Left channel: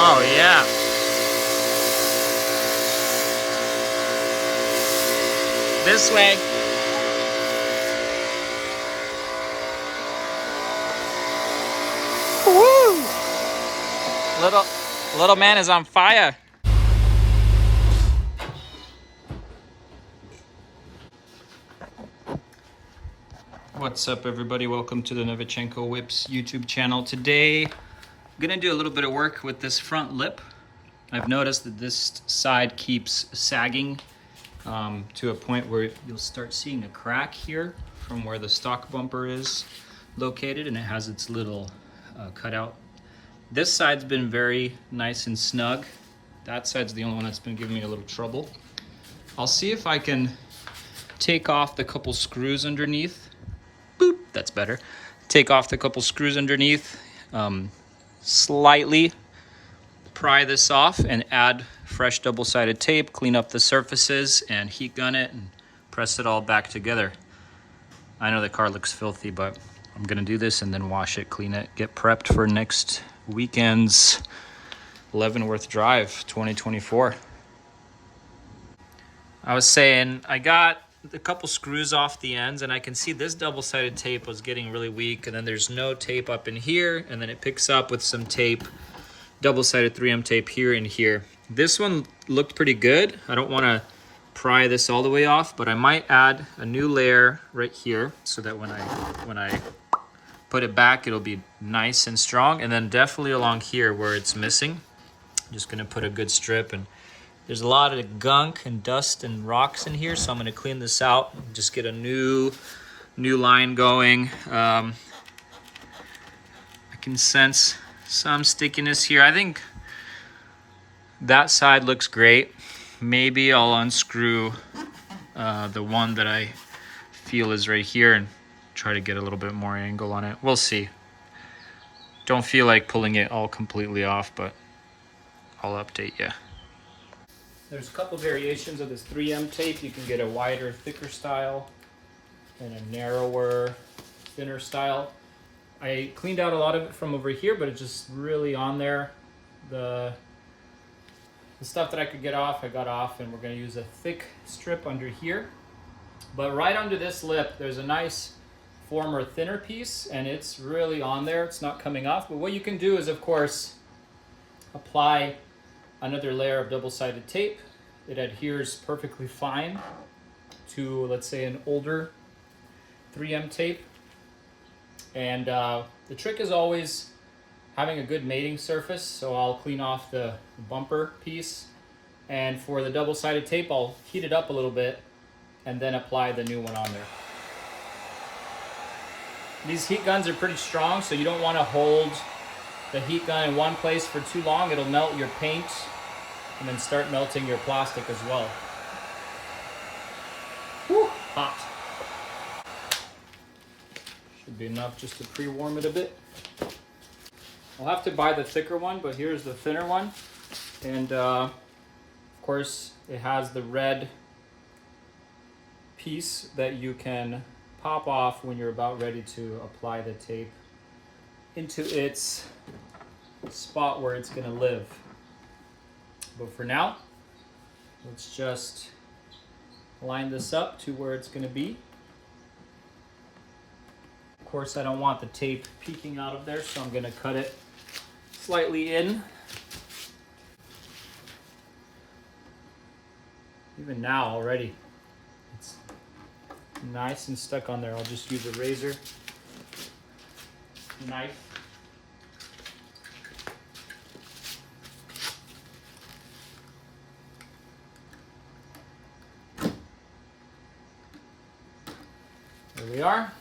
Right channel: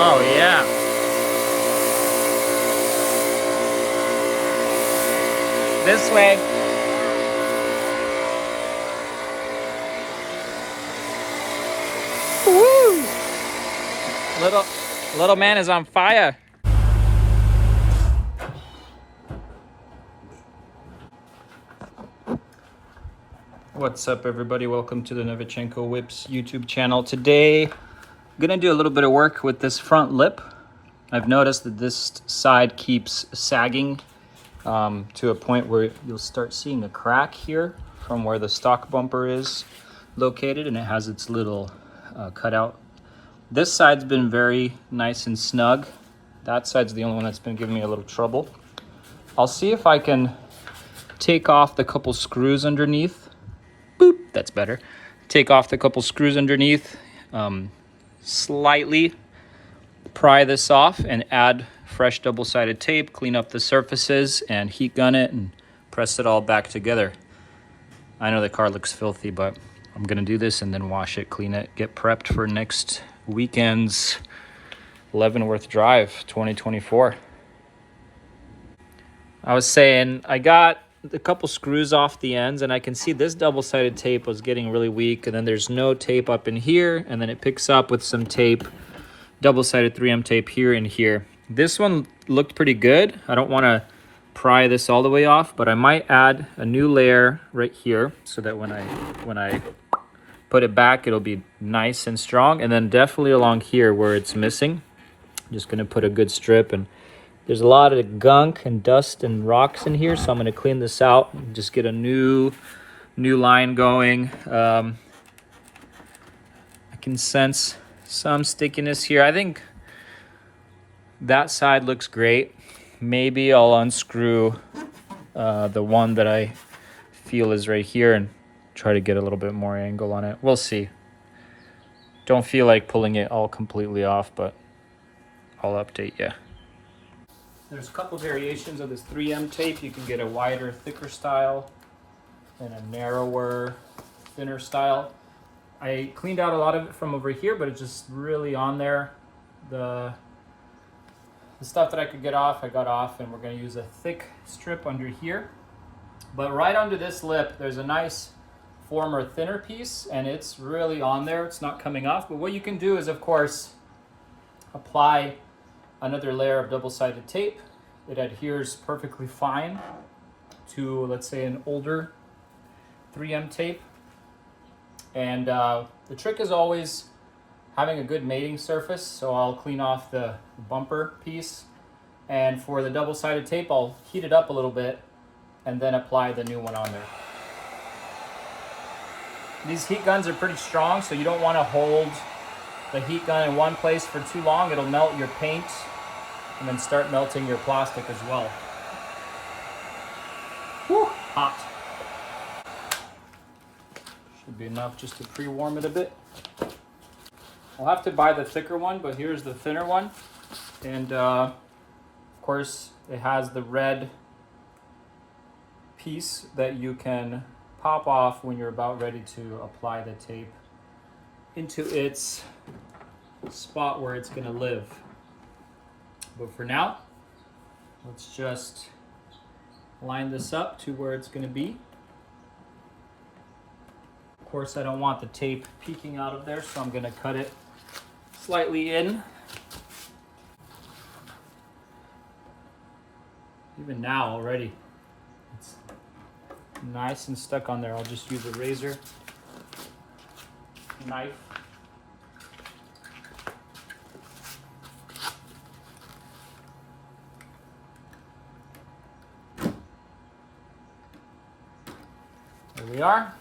Oh yeah. This way. Woo! Little man is on fire. What's up, everybody? Welcome to the Novichenko Whips YouTube channel. Today, I'm gonna do a little bit of work with this front lip. I've noticed that this side keeps sagging to a point where you'll start seeing a crack here from where the stock bumper is located, and it has its little cutout. This side's been very nice and snug. That side's the only one that's been giving me a little trouble. I'll see if I can take off the couple screws underneath. Boop, that's better. Take off the couple screws underneath, slightly pry this off and add fresh double-sided tape, clean up the surfaces and heat gun it and press it all back together. I know the car looks filthy, but I'm gonna do this and then wash it, clean it, get prepped for next weekend's Leavenworth Drive 2024. I was saying I got a couple screws off the ends, and I can see this double-sided tape was getting really weak, and then there's no tape up in here, and then it picks up with some tape, double-sided 3M tape here and here. This one looked pretty good. I don't want to pry this all the way off, but I might add a new layer right here so that when I put it back, it'll be nice and strong. And then definitely along here where it's missing, I'm just going to put a good strip. And there's a lot of gunk and dust and rocks in here, so I'm going to clean this out and just get a new line going. I can sense some stickiness here. I think that side looks great. Maybe I'll unscrew the one that I feel is right here and try to get a little bit more angle on it. We'll see. Don't feel like pulling it all completely off, but I'll update you. There's a couple variations of this 3M tape. You can get a wider, thicker style and a narrower, thinner style. I cleaned out a lot of it from over here, but it's just really on there. The stuff that I could get off, I got off, and we're going to use a thick strip under here. But right under this lip, there's a nice former thinner piece, and it's really on there. It's not coming off. But what you can do is, of course, apply another layer of double-sided tape. It adheres perfectly fine to, let's say, an older 3M tape. And the trick is always having a good mating surface. So I'll clean off the bumper piece. And for the double-sided tape, I'll heat it up a little bit and then apply the new one on there. These heat guns are pretty strong, so you don't want to hold the heat gun in one place for too long. It'll melt your paint and then start melting your plastic as well. Whew, hot. Should be enough just to pre-warm it a bit. I'll have to buy the thicker one, but here's the thinner one. And of course, it has the red piece that you can pop off when you're about ready to apply the tape into its spot where it's going to live. But for now, let's just line this up to where it's going to be. Of course, I don't want the tape peeking out of there, so I'm going to cut it slightly in. Even now already, it's nice and stuck on there. I'll just use a razor knife. There we are.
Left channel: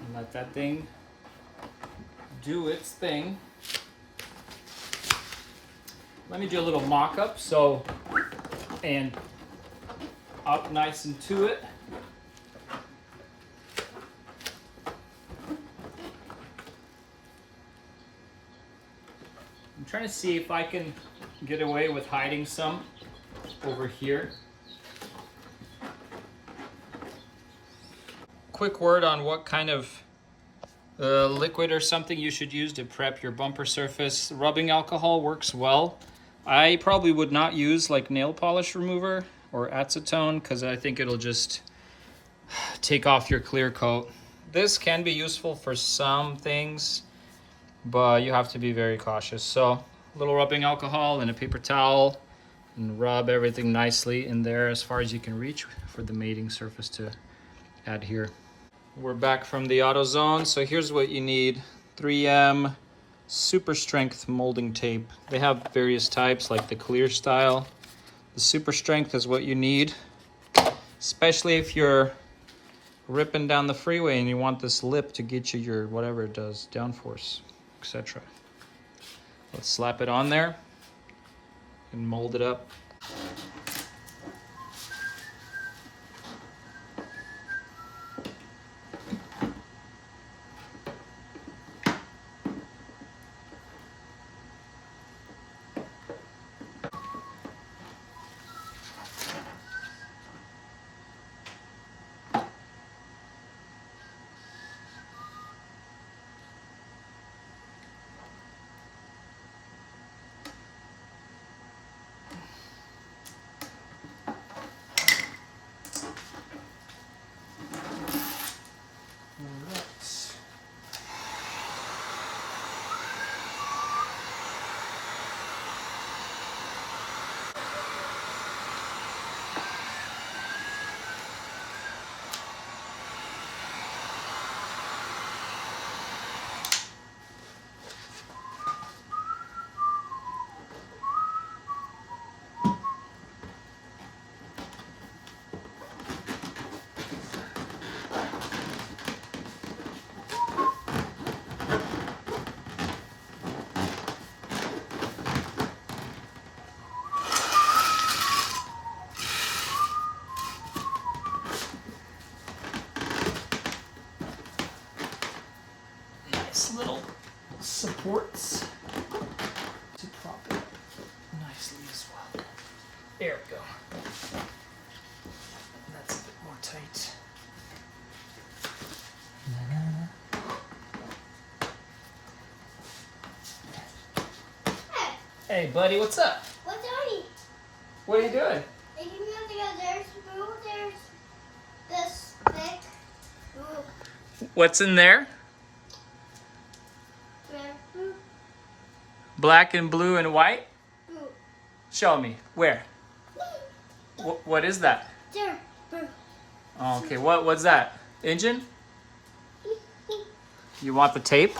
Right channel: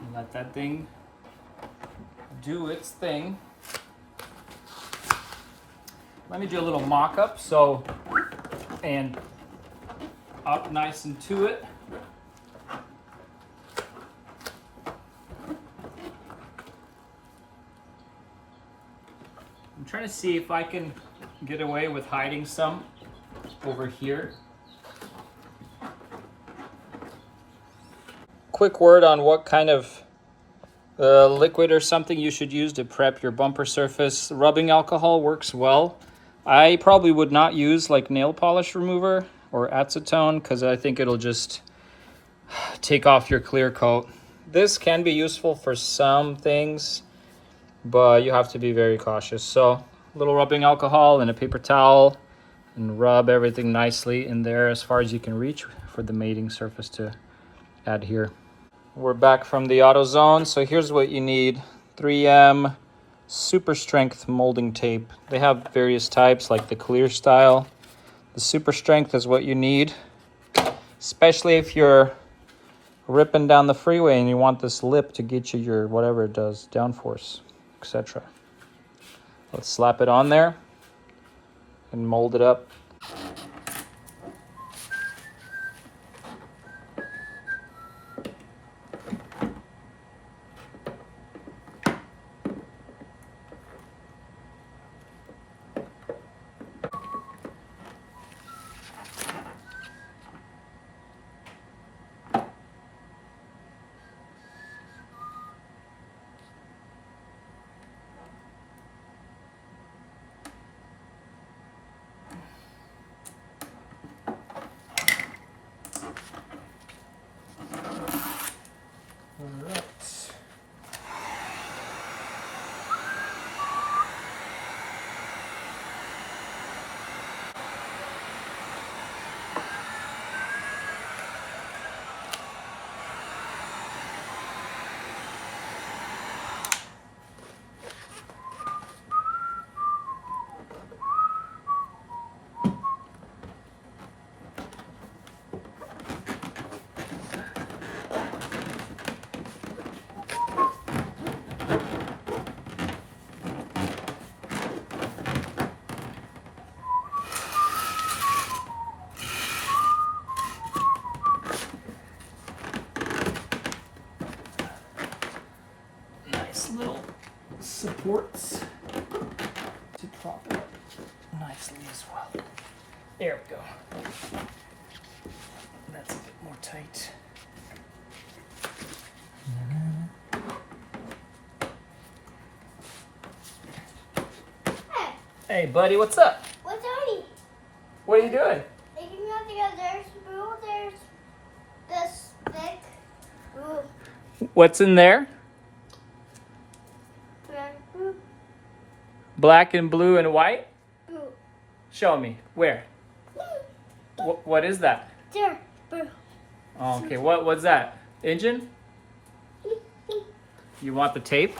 And let that thing do its thing. Let me do a little mock-up. So, and up nice and to it. I'm trying to see if I can get away with hiding some over here. Of quick word on what kind of liquid or something you should use to prep your bumper surface. Rubbing alcohol works well. I probably would not use like nail polish remover or acetone because I think it'll just take off your clear coat. This can be useful for some things, but you have to be very cautious. So a little rubbing alcohol and a paper towel and rub everything nicely in there as far as you can reach for the mating surface to adhere. We're back from the AutoZone. So here's what you need. 3M super strength molding tape. They have various types like the clear style. The super strength is what you need, especially if you're ripping down the freeway and you want this lip to get you your whatever it does, downforce, etc. Let's slap it on there and mold it up. Little supports to prop it up nicely as well. There we go. That's a bit more tight. Hey buddy, what's up? What's on? What are you doing? Taking nothing out. There's blue, there's this thick blue. What's in there? Blue. Black and blue and white? Blue. Show me. Where? What is that? There. Blue. Oh, okay, what's that? Engine? You want the tape?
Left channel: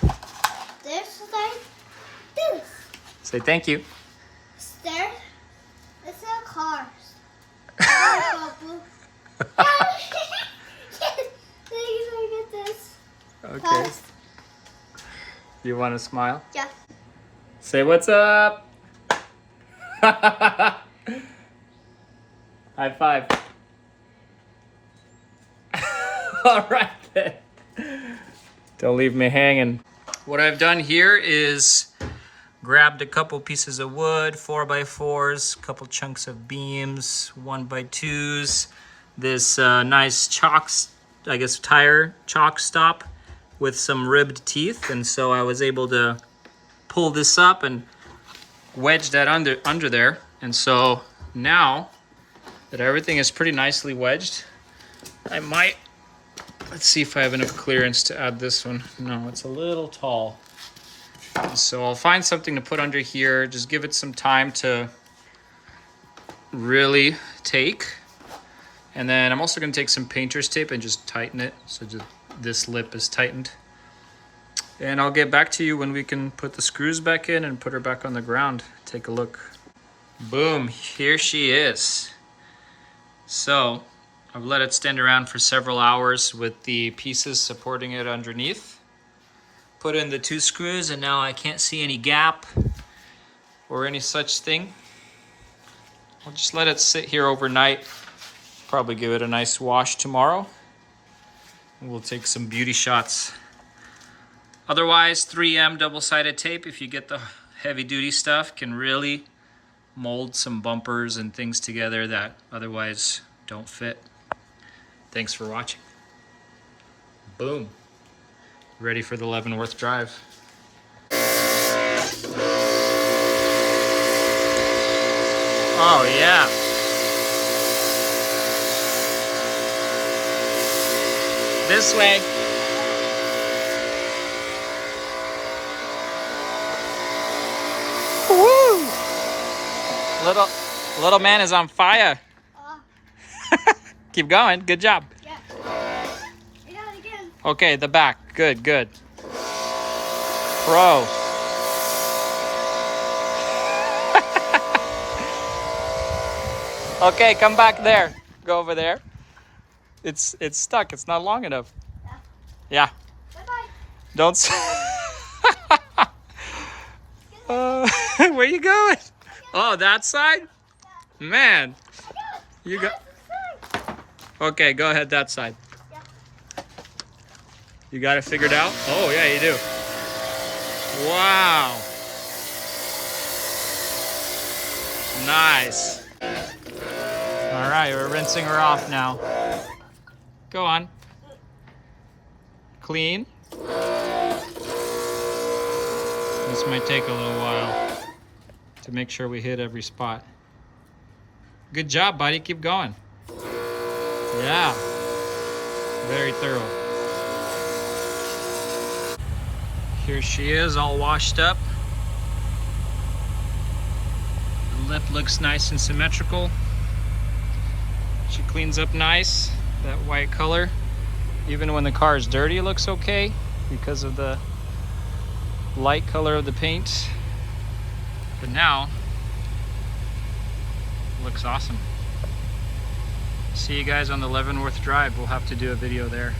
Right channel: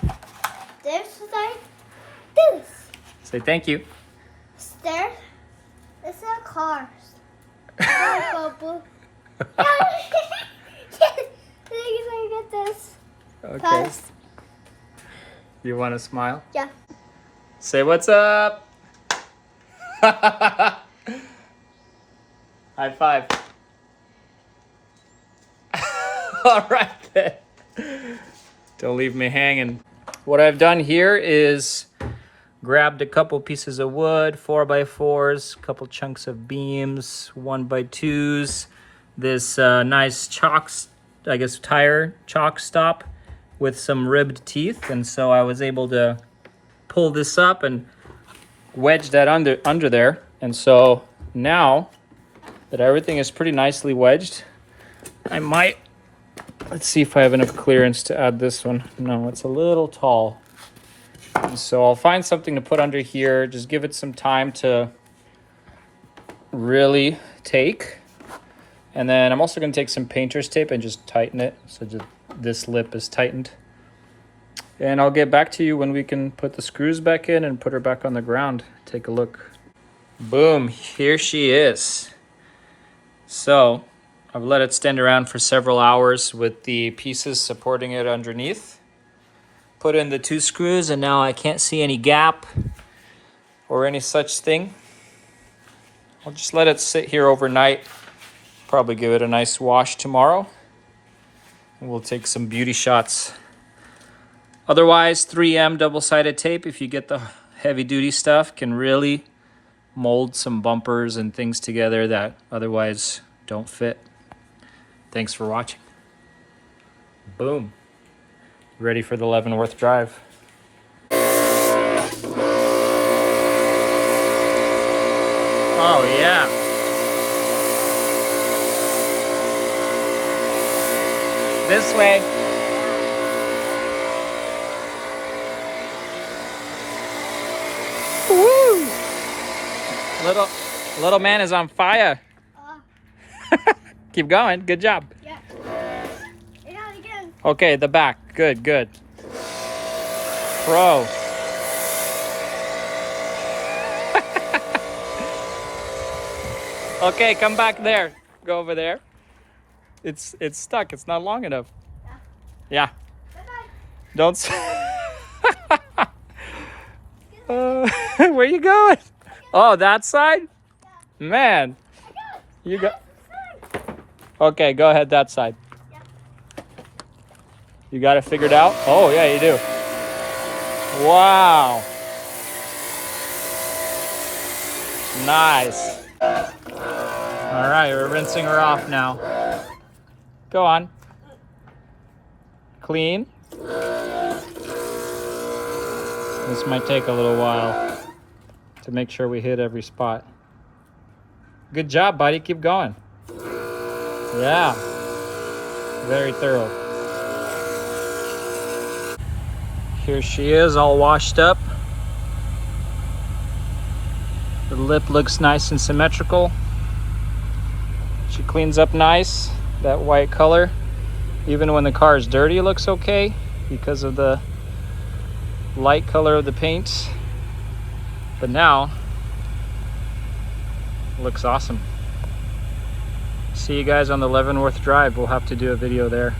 There's like this. Say thank you. There. It's a cars. Blue. I get this. Okay. Cars. You want to smile? Yeah. Say what's up. High five. All right then. Don't leave me hanging. What I've done here is grabbed a couple pieces of wood, 4x4s, a couple chunks of beams, 1x2s, this nice chalk, I guess tire chalk stop with some ribbed teeth. And so I was able to pull this up and wedge that under there. And so now that everything is pretty nicely wedged, I might, let's see if I have enough clearance to add this one. No, it's a little tall. And so I'll find something to put under here, just give it some time to really take. And then I'm also gonna take some painter's tape and just tighten it so just this lip is tightened. And I'll get back to you when we can put the screws back in and put her back on the ground. Take a look. Boom, here she is. So I've let it stand around for several hours with the pieces supporting it underneath. Put in the 2 screws and now I can't see any gap or any such thing. I'll just let it sit here overnight. Probably give it a nice wash tomorrow. And we'll take some beauty shots. Otherwise, 3M double-sided tape, if you get the heavy-duty stuff, can really mold some bumpers and things together that otherwise don't fit. Thanks for watching. Boom. Ready for the Leavenworth drive. Oh yeah. This way. Woo! Little man is on fire. Keep going. Good job. Yeah. I got it again. Okay, the back. Good, good. Pro. Okay, come back there. Go over there. It's stuck. It's not long enough. Yeah. Bye-bye. Don't. Where you going? Oh, that side? Man, you got. Okay, go ahead that side. You got it figured out? Oh yeah, you do. Wow. Nice. All right, we're rinsing her off now. Go on. Clean. This might take a little while to make sure we hit every spot. Good job, buddy. Keep going. Yeah. Very thorough. Here she is, all washed up. The lip looks nice and symmetrical. She cleans up nice, that white color. Even when the car is dirty, it looks okay because of the light color of the paint. But now, it looks awesome. See you guys on the Leavenworth Drive. We'll have to do a video there.